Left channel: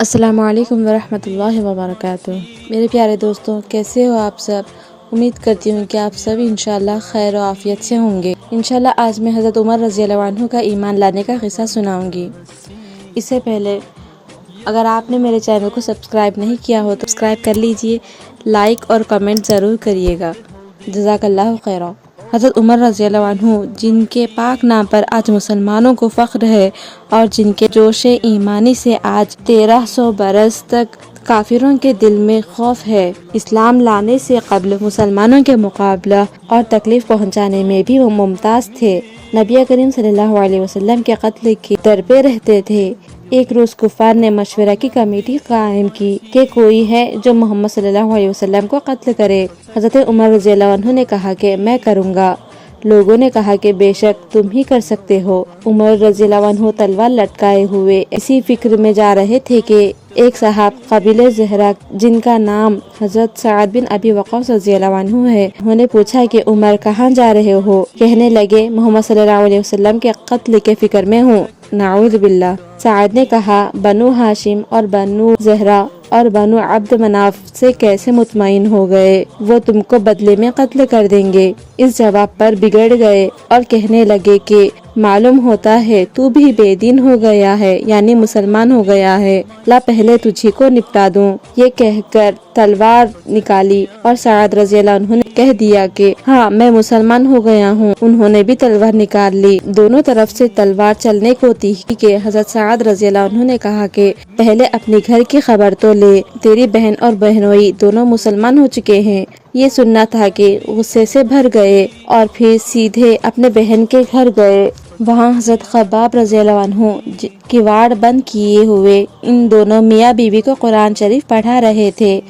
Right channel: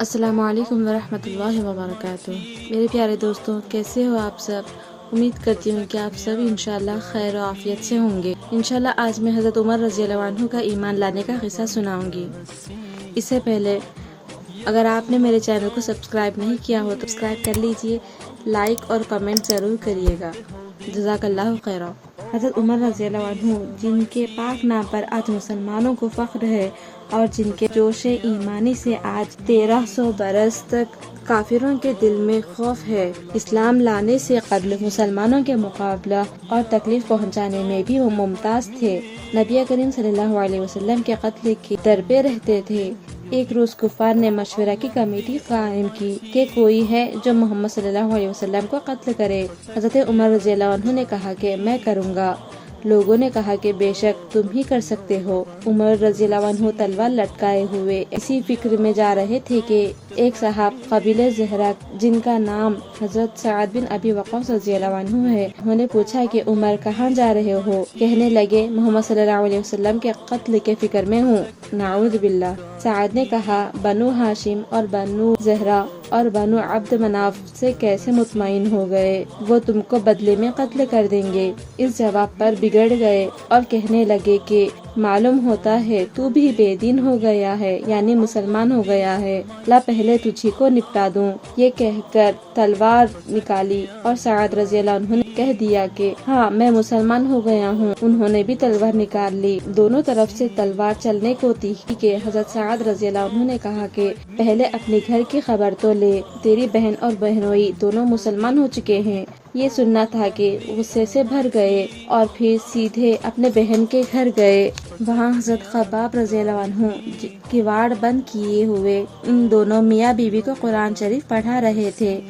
السلام علیکم ورحمۃ اللہ وبرکاتہ۔ میرے پیارے دوستوں، کیسے ہو آپ سب؟ امید کرتی ہوں کہ آپ سب انشاءاللہ خیر و عافیت سے ہوں گے۔ انشاءاللہ آج میں حضرت عمر رضی اللہ عنہ کا ایمان لانے کا قصہ سناؤں گی۔ اس سے پہلے اگر آپ نے میرے چینل کو سبسکرائب نہیں کیا ہو تو سبسکرائب کر لیجئے، لائک اور کمنٹ ضرور کریے گا، جزاک اللہ خیرہ۔ حضرت عمر رضی اللہ عنہ جن کے پاک نام پر آج مسلمانوں کو فخر ہے اور جن کے جوش ایمانی سے آج 1300 برس تک کافروں کے دل میں خوف ہے، اسلام لانے سے قبل مسلمانوں کے مقابلہ اور تکلیف پہنچانے میں بھی وہ ممتاز تھے۔ نبی کریم صلی اللہ علیہ وسلم کے قتل کی در پہ رہتے تھے۔ ایک روز کفار نے مشورہ کی کمیٹی قائم کی کہ کوئی ہے جو محمد صلی اللہ علیہ وسلم کو قتل کرے۔ حضرت عمر رضی اللہ عنہ نے کہا کہ میں کروں گا۔ لوگوں نے کہا کہ بے شک تم ہی کر سکتے ہو۔ عمر رضی اللہ عنہ تلوار لٹکائے ہوئے اسی فکر میں جا رہے تھے کہ ایک صاحب قبیلہ زہرہ جن کا نام حضرت سعد بن ابی وقاص رضی اللہ عنہ ہے، انہوں نے پوچھا کہ عمر کہاں جا رہے ہو؟ کہنے لگے محمد صلی اللہ علیہ وسلم کے قتل کے فکر میں ہوں، نعوذ باللہ۔ سعد نے کہا بنو ہاشم اور بنو زہرہ اور بنو عبد مناف سے کیسے مطمئن ہو گئے؟ وہ تم کو بدلے میں قتل کر دیں گے۔ اس جواب پر بگڑ گئے اور کہنے لگے کہ معلوم ہوتا ہے تو بھی بے دین ہو گیا ہے، یعنی مسلمان ہو گیا ہے، لا پہلے تجھی کو نپٹا دوں۔ یہ کہہ کر تلوار نکالی اور سعد رضی اللہ عنہ نے کہہ دیا کہ ہاں میں مسلمان ہو گیا ہوں۔ انہوں نے بھی تلوار نکال لی۔ دونوں طرف سے تلوار چلنے کو تھی کہ حضرت سعد رضی اللہ عنہ نے کہا کہ پہلے اپنے گھر کی خبر تو لے، تیری بہن اور بہنوئی دونوں مسلمان ہو چکے ہیں۔ یہ سننا تھا کہ غصے سے بھر گئے اور پھر سیدھے اپنے بہن کے گھر گئے۔ وہاں حضرت خباب رضی اللہ عنہ کواڑ بند کیے ہوئے ان دونوں میاں بیوی کو قرآن شریف پڑھا رہے تھے۔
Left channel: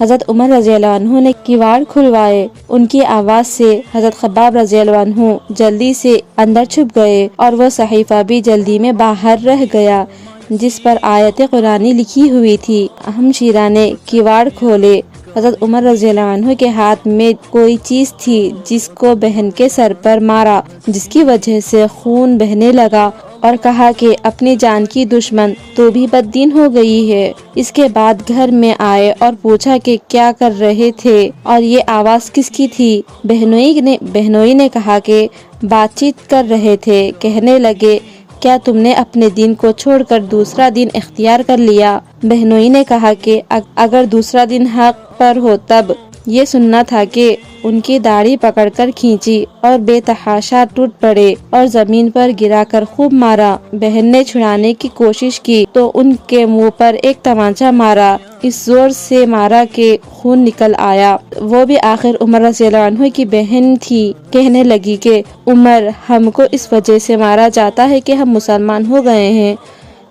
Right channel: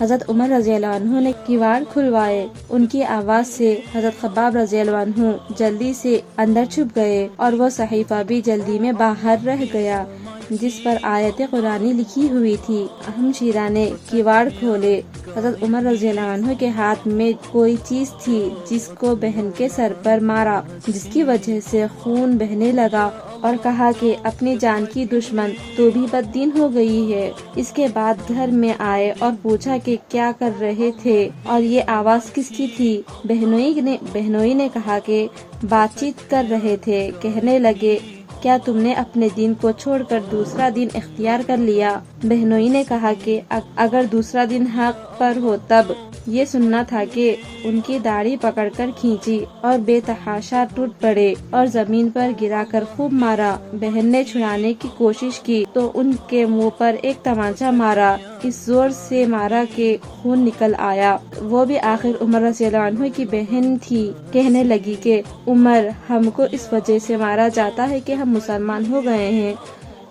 حضرت عمر رضی اللہ عنہ نے کواڑ کھلوائے۔ ان کی آواز سے حضرت خباب رضی اللہ عنہ جلدی سے اندر چھپ گئے اور وہ صحیفہ بھی جلدی میں باہر رہ گیا جس پر آیت قرآنی لکھی ہوئی تھی۔ ہمشیرہ نے کواڑ کھولے۔ حضرت عمر رضی اللہ عنہ کے ہاتھ میں کوئی چیز تھی جس کو بہن کے سر پر مارا، جس کی وجہ سے خون بہنے لگا اور کہا کہ اپنی جان کی دشمن تو بھی بد دین ہو گئی ہے۔ اس کے بعد گھر میں آئے اور پوچھا کہ کیا کر رہے تھے اور یہ آواز کس کی تھی؟ بہنوئی نے کہا کہ بات چیت کر رہے تھے۔ کہنے لگے کیا تم نے اپنے دین کو چھوڑ کر دوسرا دین اختیار کر لیا؟ بہنوئی نے کہا کہ اگر دوسرا دین حق پر ہو تب۔ یہ سننا تھا کہ ان کی داڑھی پکڑ کر کھینچی اور بے تحاشا ٹوٹ پڑے اور زمین پر گرا کر خوب مارا۔ بہن نے چھڑانے کی کوشش کی تو ان کے منہ پر ایک تمانچہ مارا، اس زور سے مارا کہ خون نکل آیا۔ وہ بھی آخر عمر رضی اللہ عنہ کی بہن تھی۔ کہنے لگی کہ عمر ہم کو اس وجہ سے مارا جاتا ہے کہ ہم مسلمان ہو گئے ہیں۔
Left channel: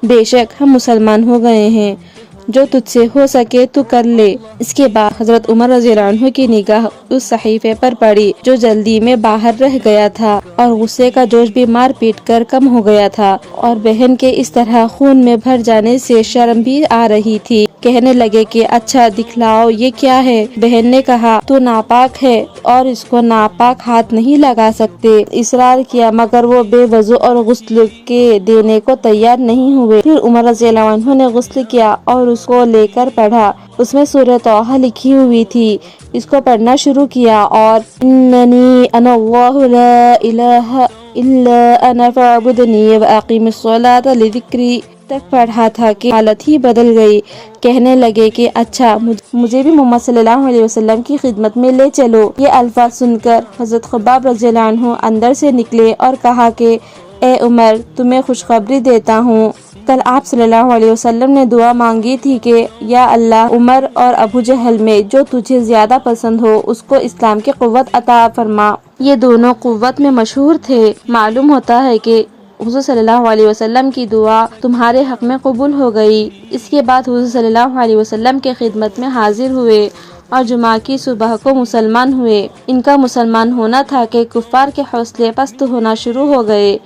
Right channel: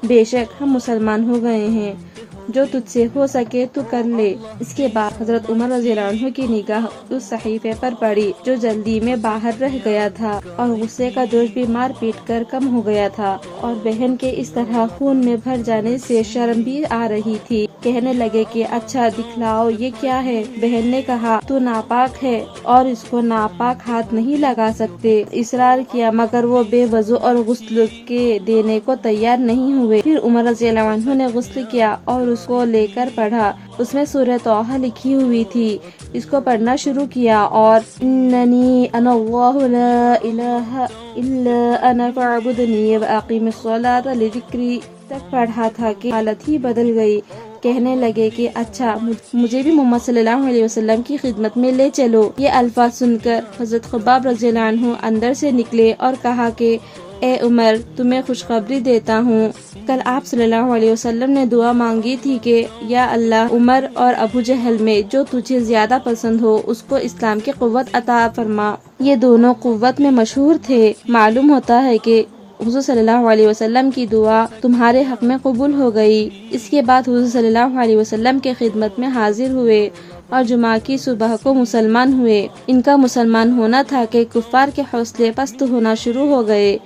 بے شک ہم مسلمان ہو گئے ہیں، جو تجھ سے ہو سکے تو کر لے۔ اس کے بعد حضرت عمر رضی اللہ عنہ کی نگاہ اس صحیفے پر پڑی جو جلدی میں باہر رہ گیا تھا اور غصے کا جوش بھی مار پیٹ کر کم ہو گیا تھا اور بہن کے اس طرح خون میں بھر جانے سے شرم بھی آ رہی تھی۔ کہنے لگے کہ اچھا دکھلاؤ یہ کیا ہے؟ بہن نے کہا تو ناپاک ہے اور اس کو ناپاک ہاتھ نہیں لگا سکتے۔ اصرار کیا مگر وہ بے وضو اور غسل کے دینے کو تیار نہیں ہوئے۔ پھر عمر رضی اللہ عنہ نے غسل کیا اور اس کو لے کر پڑھا۔ اس میں سورہ طٰہٰ لکھی ہوئی تھی۔ اس کو پڑھنا شروع کیا اور اننی انا اللہ لا الہ الا انا فاعبدنی واقیم الصلاۃ لذکری تک پڑھا تھا کہ حالت ہی بدل گئی۔ کہنے لگے کہ اچھا مجھے بھی محمد صلی اللہ علیہ وسلم کی خدمت میں لے چلو۔ یہ الفاظ سن کر حضرت خباب رضی اللہ عنہ اندر سے نکلے اور کہا کہ اے عمر تمہیں خوشخبری دیتا ہوں، کل آپ صلی اللہ علیہ وسلم نے دعا مانگی تھی کہ یا اللہ عمر اور ابو جہل میں جو تجھے زیادہ پسند ہو اس کو اسلام کی قوت عطا فرما۔ یہ دونوں قوت میں مشہور تھے۔ معلوم ہوتا ہے کہ حضور صلی اللہ علیہ وسلم کی دعا تمہارے حق میں قبول ہو گئی۔ اس کے بعد حضور صلی اللہ علیہ وسلم کے خدمت میں حاضر ہوئے اور جمعہ کی صبح کو مسلمان ہوئے۔ ان کا مسلمان ہونا تھا کہ کفار کے حوصلے پست ہونا شروع ہو گئے،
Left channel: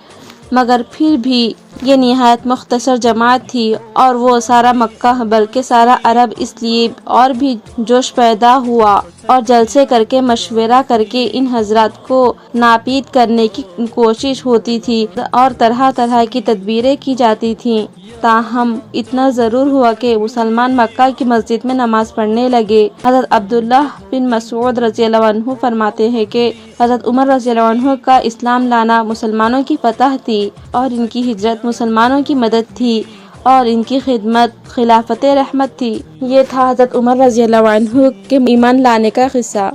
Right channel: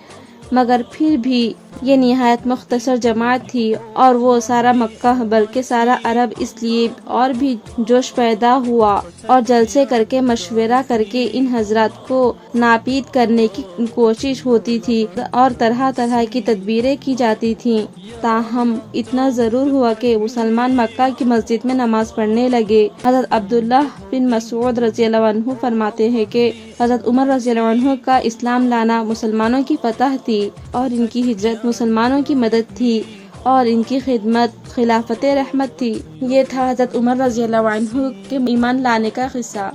مگر پھر بھی یہ نہایت مختصر جماعت تھی اور وہ سارا مکہ بلکہ سارا عرب اس لیے اور بھی جوش پیدا ہوا اور جلسے کر کے مشورہ کر کے ان حضرات کو ناپید کرنے کی کوشش ہوتی تھی اور طرح طرح کی تدبیریں کی جاتی تھیں۔ تاہم اتنا ضرور ہوا کہ مسلمان مکہ کی مسجد میں نماز پڑھنے لگے۔ حضرت عبداللہ بن مسعود رضی اللہ عنہ فرماتے ہیں کہ حضرت عمر رضی اللہ عنہ کا اسلام لانا مسلمانوں کی فتح تھی اور ان کی ہجرت مسلمانوں کی مدد تھی اور ان کی خدمت خلافت رحمت تھی۔ یہ تھا حضرت عمر رضی اللہ عنہ کے ایمان لانے کا قصہ۔